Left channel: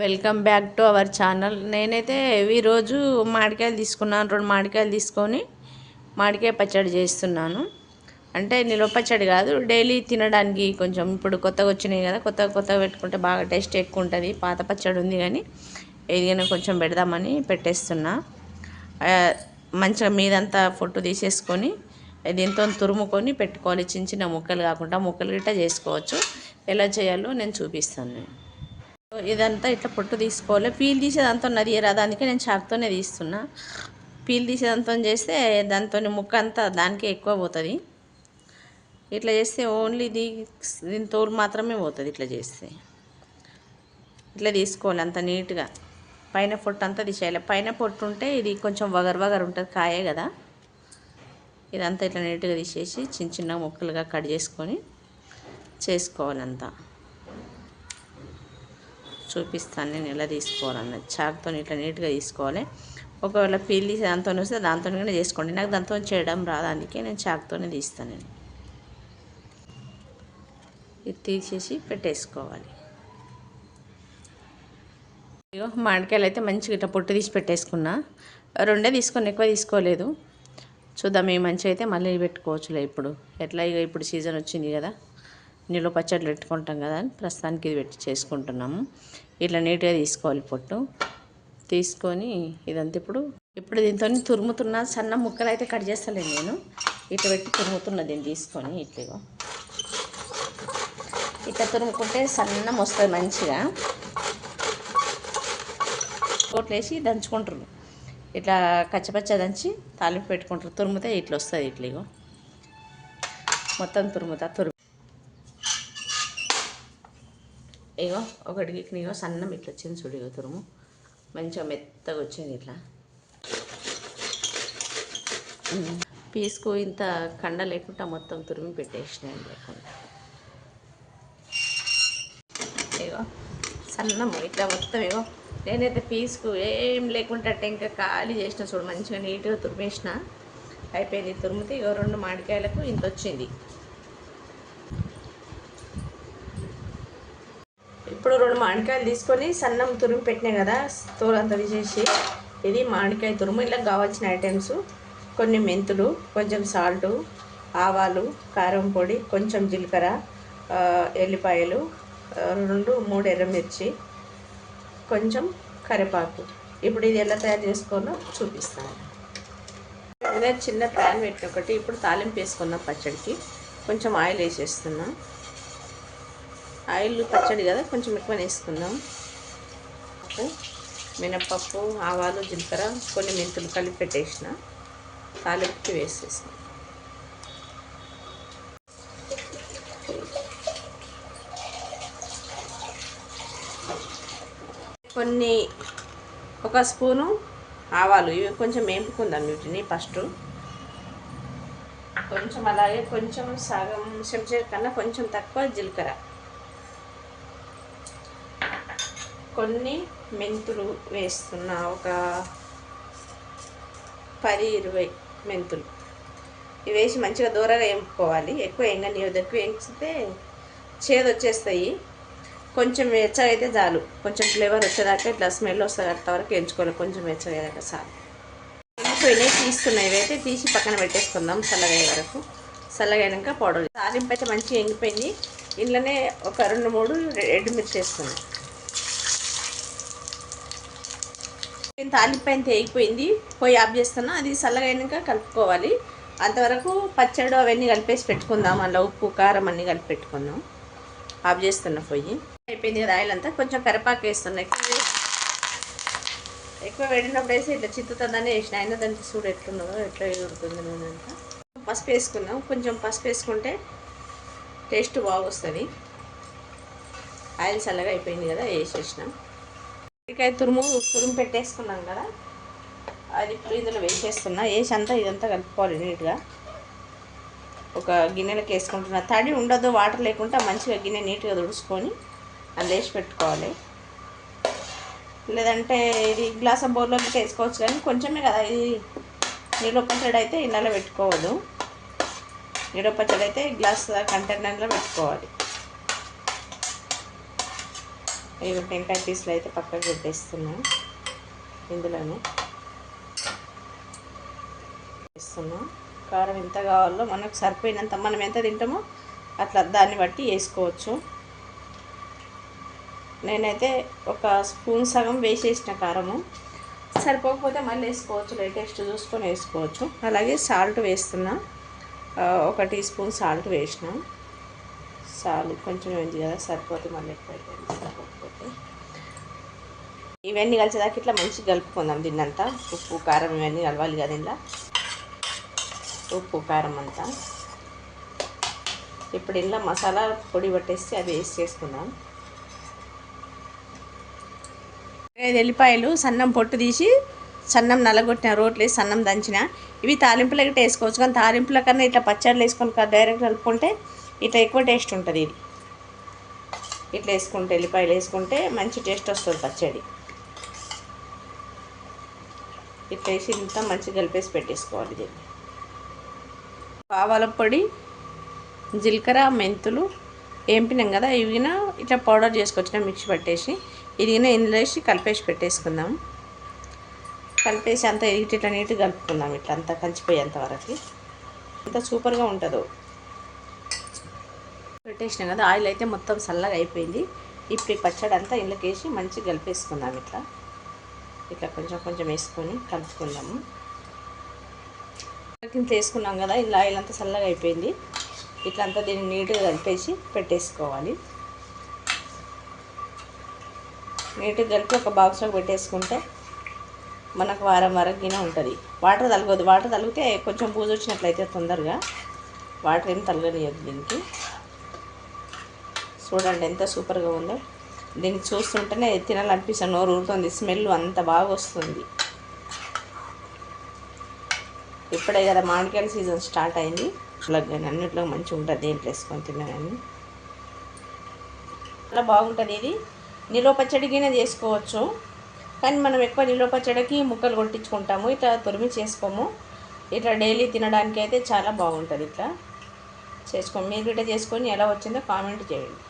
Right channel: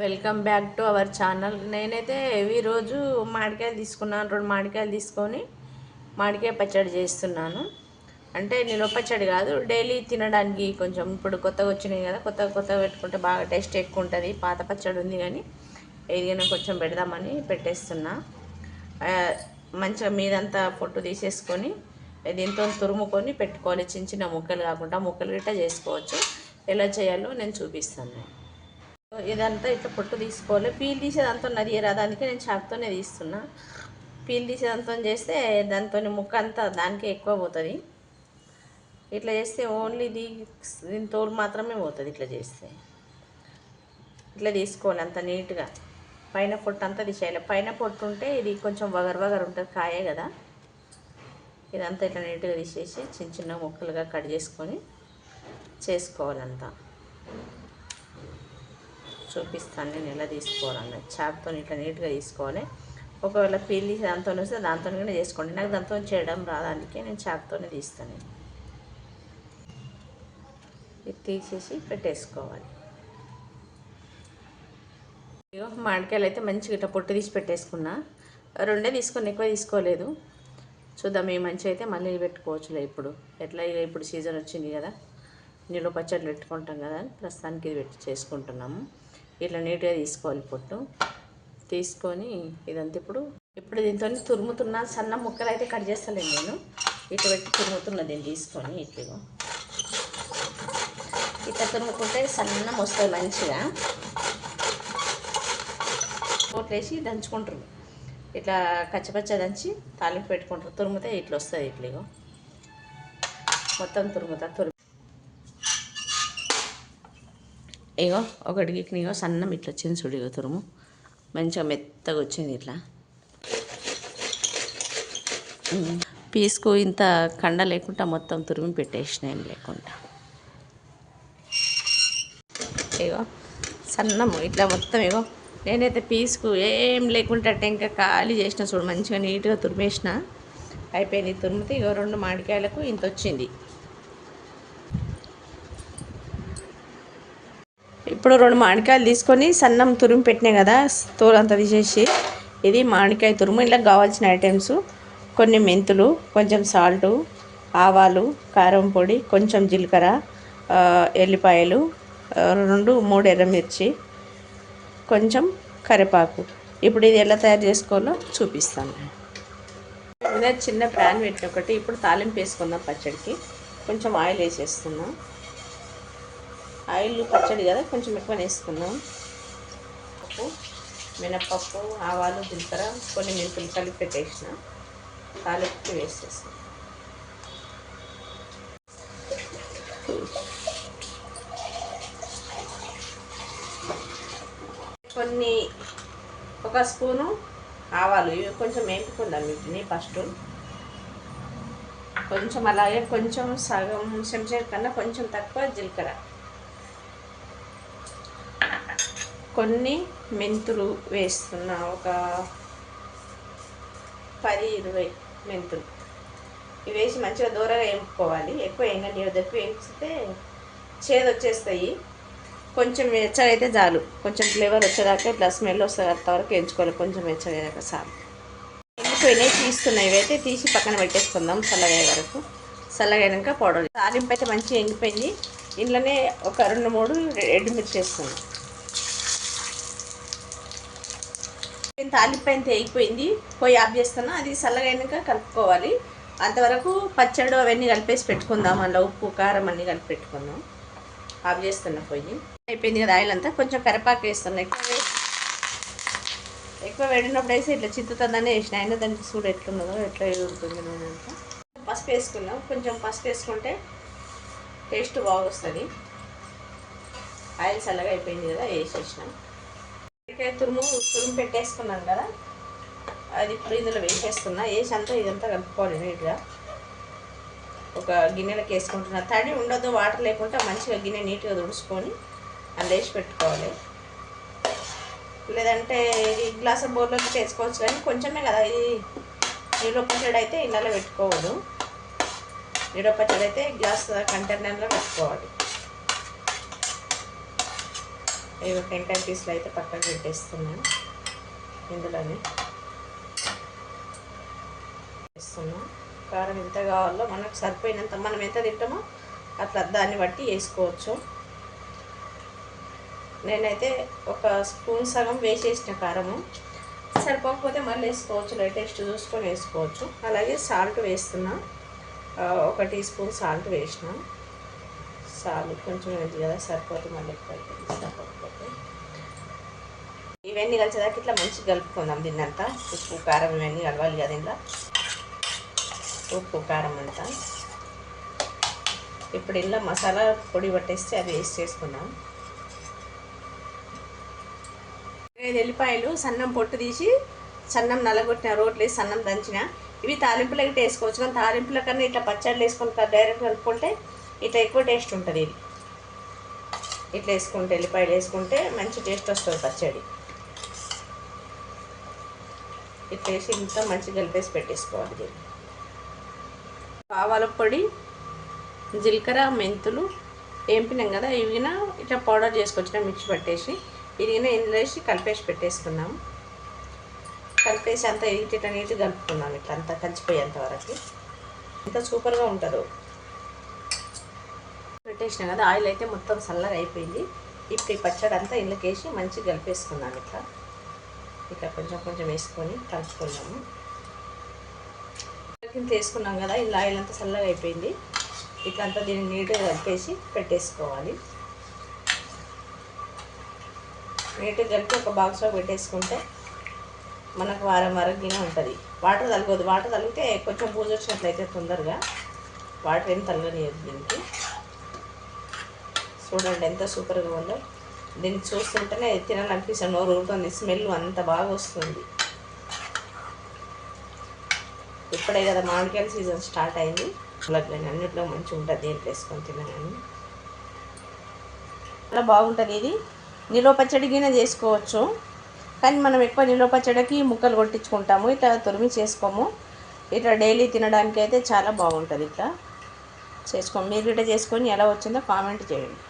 Welcome back to our channel. నేనైతే ఈరోజు మామిడికాయలు తీసుకున్నాను. రెండు మామిడికాయలు తీసుకొని మామిడికాయ పచ్చడి చేస్తున్నాను. అంటే నిల్వ పచ్చడి కాదు డైలీ తినడానికి కొంచెం ఇప్పుడు కొత్తగా వచ్చినాయి కదా కొత్త కొత్తగా పెట్టుకుంటే బాగా టేస్ట్ ఎక్కువ ఉంటుంది. పాత పచ్చడి ఉంది కానీ ఏదైనా కొంచెం పెడదామని పెట్టేస్తున్నా. మంచిగా మీదంతా ఫోటో తీసేసుకొని దీంతో తురుముకొని పెట్టుకోవాలి. చిన్న చిన్న ముక్కలు కాకుండా ముక్కలు గిట్ట చేసుకోవచ్చు. ఎలా చేయాలో నేను చూపిస్తాను. ఇదంతా ఇట్లా పొట్టు తీసుకోవాలి. పీల్ తీసేదంతా ఉన్నది దానికే నేను చాకుతోనే తీస్తున్నా. పీల్ తీసేదంతా చేస్తే దాంతో ముక్క అంతా దానికే ఎక్కువ పోతుంది. ఇట్లా చేస్తే ఓన్లీ ఇది దీని తోలు మాత్రమే పోతుంది ఇట్లా చేస్తే. ఇట్లా తీసుకోవాలి అంత నీట్గా. పైన పొట్టు అంతా తీసేయాలి. పైన పొట్టు ఉంటే ఇది కొంచెం వగర్ వగరు ఉంటుంది కాయే కదా. ఇదంతా ఇట్లా నీట్గా తీసేసి చిన్న చిన్న ముక్కలుగా కట్ చేసుకొని చేసుకోవాలంతా. చూపిస్తాను నేను ఎలా తీసుకోవాలన్న చాకుతో ఇట్లా నీట్గా తీసుకోవాలి. ఒకవేళ పీల్ దాంతో వస్తే దాంతోనే చేసుకోండి. నాకు దాంతో చేయడం రాదానికి నేను చాకుతోనే తీస్తాను నేను. ఇది తీసేసి పెట్టేసుకోవాలి. మామిడికాయలు అయితే మంచిగా ఇట్లా పొట్టు తీసి పెట్టేసుకున్నా. రెండే తీసుకొని ఎక్కువ తీసుకోలేదు. చూద్దాం ఏ మంచి అయితే మళ్ళీ పెట్టుకోవచ్చులే ఇప్పుడు. ఎట్లా ఇక ఇప్పుడు సీజన్ వచ్చింది కదా. నిల్వ పచ్చళ్ళు పెట్టుకుంటాం కదా అని ప్రస్తుతానికి ఇది పెట్టి చేసుకుంటున్నాము. ఇట్లా నీట్గా తీసుకోవాలి పొట్టు. తీసుకొని ఇదంతా ఇప్పుడు ఇప్పుడు దీంతో తురుముతున్న సన్న ముక్కలు అయితే కట్ చేస్తలేదు నేను. ఇట్లా పెట్టి తురుముతున్నా దీన్ని తీసుకొని ఇట్లా ఇట్లా తురుముకుంటే సన్నం వస్తుంది మంచిగా. కోట్లేసి దంచుకుంటారు ఇట్లా కచ్చపచ్చ దంచి తాలింపు పెట్టుకుంటారు తురుముతే ఇట్లా వస్తుంది ఇట్లా మొత్తం తురుముతా తురుము ఇగో ఒకటికి ఇగో సన్నం ఇట్లా వచ్చింది చూడు ఇగో తురుము. మంచిగా మెత్తగా వచ్చింది ఇట్లా. పీసుకు ఇంత కండ లేకుండా మొత్తం తురిమి పెట్టేసిన ఏం లేకుండా. ఇగో సన్నం ఇట్లా మొత్తం ఇగో. నేనైతే పీసుకు ఏం లేకుండా టెంక ఖాళీ చేసిన చూడు మంచిగా నీట్గా తురిమేసిన. అయిపోయింది తురిమితే ఇగో రెండు మామిడికాయలకు ఇంత వచ్చింది. ఇప్పుడు రెండు మామిడికాయలు తీసుకొని సన్నం తురుము పెట్టినాయి కదా తోలంతా తీసేసి ఇది మామిడికాయ తురుము. ఇలా కావాల్సిన ఐటమ్స్ కొన్ని మెంతులు కొంచెం సాల్టు ఆవాలు కారం పొడి కొంచెం జీలకర్ర ఎల్లిపాయలు రెండు మూడు ఎర్రమిర్చి కొంచెం కరివేపాకు. ఇప్పుడు ఇది ఎలా తయారు చేసుకోవాలో చూపిస్తాను. చిన్న ప్యాన్ పెట్టి ఒకటి ఇప్పుడు తాలింపు వేసుకుందాం పచ్చడికి. కొంచెం ఆయిల్ వేసేస్తున్నాం. ఆయిల్ పచ్చడి కదా కొంచెం ఎక్కువ వేసుకుందాం. పప్పు మినప్పప్పు ఆవాలు జీలకర్ర కొన్ని మెంతులు కలిపి పెట్టేసిన. కాలిపి వేసేసిన కొన్ని ఒక స్పూను ఆవాలు ఇవి కొంచెం వేపుకుందాం వీటిని ఫస్ట్. కొంచెం అలాగే కొంచెం సగం చెంచా కన్నా కొంచెం తక్కువ జీలకర్ర. కొన్ని మెంతులు వేస్తున్నా ఒక పది ఇరవై మెంతులు. ఇవి వేసి మంచిగా దూరంగా వేయించుకోవాలి ఎక్కువ వేయండి ఎక్కువ వేయించితే చేదు వచ్చేస్తాయి. కొంచెం వెచ్చగా అయితే చాలు. కొంచెం ఫ్లేవర్ వచ్చేదాకా ఇట్లా స్మెల్ వస్తుంది అంతవరకు వేయించుకోవాలి కొంచెం వెచ్చగైనాక చాలు. ఎండిపోయినాయి తీస్తున్నాయి. ఇవైతే తీసి పక్కన పెట్టేసుకుందాం చల్లగయ్యే వరకు. చల్లగైనాక పౌడర్ తాలింపు అయితే మంచిగా ఎండిపోయింది. ఇంట్లోనే ఒక రెండు మూడు రెడ్ మిర్చి వేస్తున్నాం తాలింపు అయితే అయిపోయింది. పొయ్యి ఆఫ్ చేస్తాను అది చల్లగైనాక కలుపుకోవాలి. అంతవరకు పచ్చడి అవన్నీ కలిపేసి పెట్టుకుందాం. అందులో ఉప్పు కారం అన్నీ కలిపి పెట్టుకుందాం. ఆఫ్ చేస్తున్నా పొయ్యి అయిపోయింది కదా ఆయిల్ అంతా. కొంచెం కరిపాకు వేస్తున్నా. ఎక్కువ ఎక్కువ వేడినప్పుడు వేసి ఇట్లా చిత్తుతుందని వేసిన. అయినా దానికి చూడు ఎట్లున్నదో ఎట్లా ఎగురుతుంది నూనె అంతా. పసుపు వేసుకుందాం కొంచెం పసుపు వేసుకుంటే టేస్ట్ బాగొస్తుంది. ఆయిల్ చల్లగా అయిపోయింది కదా వేసేసినాం. ఉసిరికాయ తురుము తురుము పెట్టేసుకున్నాం కదా. అది ఇప్పుడు ఇందులో వేసేసుకున్నా వేసి అంతా ఇదంతా కలుపుకోవాలి నీట్గా. ఒక గిన్నెలకు వేసుకుంటున్నా. తడి ఉండదు వాటర్ లేకుండా మంచిగా గిన్నె నీట్గా తుడుచుకొని అందులో వేసి పెట్టుకోవాలి. లేదంటే ఇది గ్లాస్ బౌల్లోకి వేసుకోవచ్చు కానీ కొంచెమే కదా. ఇది నీళ్ళ పచ్చడి అయితే ఇళ్ళలో పెట్టుకోవద్దు. నీళ్ళ పచ్చడి అయితే గ్లాస్ కంటైనర్లో పెట్టుకోవాలి. ఇవి టెంకాయ పీసులు అయితే పక్కన పెట్టేస్తున్నాను ఇందులోనే వేస్తున్నాం. కారం ఎంత కావాలో మనకు సరిపోయినంత మనం ఎంత తింటామో అట్లా దాన్ని బట్టి వేసుకోవచ్చు. నేనైతే ఒక స్పూన్ సగం వేసేసిన కారము. సరిపోకపోతే మళ్ళీ వేసుకోవచ్చు లేటెస్ట్ చూసుకొని వేసుకోవచ్చు. అలాగే సాల్ట్ వేస్తున్నా. ఒక టీ స్పూన్ సాల్ట్ వేసిన. చాలు కొంచెం ఏంటి సరిపోతుంది సరిపోతే మళ్ళీ ఎక్కువ అయిపోయింది ఇవన్నీ కలిసేదాకా ఇట్లా మంచిగా కలుపుకుందాం దీన్నంతా. ఉప్పు కారం ఇవన్నీ కలవాలి కదా ఇలా ఉప్పు కారం అంతా. ఇప్పుడు ఇలా మసాలా పొడి పట్టేస్తే అవి వేస్ట్ చేసుకుందాం. ఐదు ఎల్లిపాయలు సన్నం పొట్టు తీసి సన్నం నలగొట్టిన రోట్లు వేసి సన్నం దంచిన. ఇవి తాలింపులకి వేసుకోవచ్చు కానీ తాలింపుల కన్నా ఇట్లా పచ్చళ్ళు వేసుకొని డైరెక్ట్ కలుపుకుంటే ఇట్లా ఎక్కువ టేస్ట్ ఉంటుంది ఇది. ఇట్లా వేసుకుంటే ఎల్లిపాయలు వేసుకుంటే మంచి టేస్ట్ వస్తుంది పచ్చడి. ఇట్లా వేసి ఇంత మంచిగా కలిపేసి పెట్టేసుకోవాలి దీన్ని. ఆవాల పొడి జీలకర్ర మెంతులు ఏంపినాం కదా ఇవిన ఇట్లా పౌడర్ చేసుకొచ్చిన మిక్సీ పట్టేసి ఇదిగిన ఇందులో వేసి కలిపేసి పెట్టేసుకుందాం. కలిపేసి అంతా ఇటు ఇట్లా నీట్గా కలుపుకుందాం ఇట్లా అంతా కలిసిపోయేంత వరకు. ఎంత సూపర్గా ఉంటుందో. పెట్టేసినాం కదా ఆయిల్ అయితే మొత్తం చల్లగా అయిపోయింది. ఇప్పుడు ఈ పచ్చడి అంతా ఇందులోకి వేసి మంచిగా కలిపేసుకుందాం ఇట్లా. ఇట్లా కొంచెం కొంచెం వేసుకొని కలుపుకుందాము కింద వేసుకున్నాం కదా ఇలా ఆయిల్ అంతా చల్లగా అయిపోయింది. ఇట్లా అంతా దీన్ని నీట్గా కలిపేసి పెట్టేసుకోవాలి. నీట్గా కలిపి ఒక బాక్స్లో పెట్టేసుకుంటే మనకు వారం వారం గిన్నె ఉంటుంది. వాటర్ తలగదు. వాటర్ తలిగితే కొంచెం పూజ వచ్చినట్లయితే తొందరగా. వాటర్ ఏం తలగనియదు దీనికి. చూడండి ఎంత సూపర్గా ఉందో. దీన్ని చూస్తుంటేనే తినాలనిపిస్తుంది. నోరు ఊరుతుంది. స్మెల్ అంత బాగా వస్తుంది. ఇప్పుడే కదా మామిడికాయల సీజన్ స్టార్ట్ అయింది. అలాగే అన్నిట్లో మంచిగా ఉంటుంది. దేంట్లో వేసుకొని తిన్నా చాలా బాగుంటుంది ఇది. నిలువ పచ్చడికినే చేసుకోవచ్చు. కానీ మనం ఎక్కువ నిలువ పచ్చడికి ముక్కలు కొట్టించుకుంటాము. ఇట్లా తురిమి చేసుకోము. ఇట్లా డైలీ తినడానికి అయితే చాలా బాగుంటుంది ఇట్లా. చేసుకోము మీరు ఇట్లా చేసుకొని ఎలా వచ్చిందో కామెంట్ చేయండి.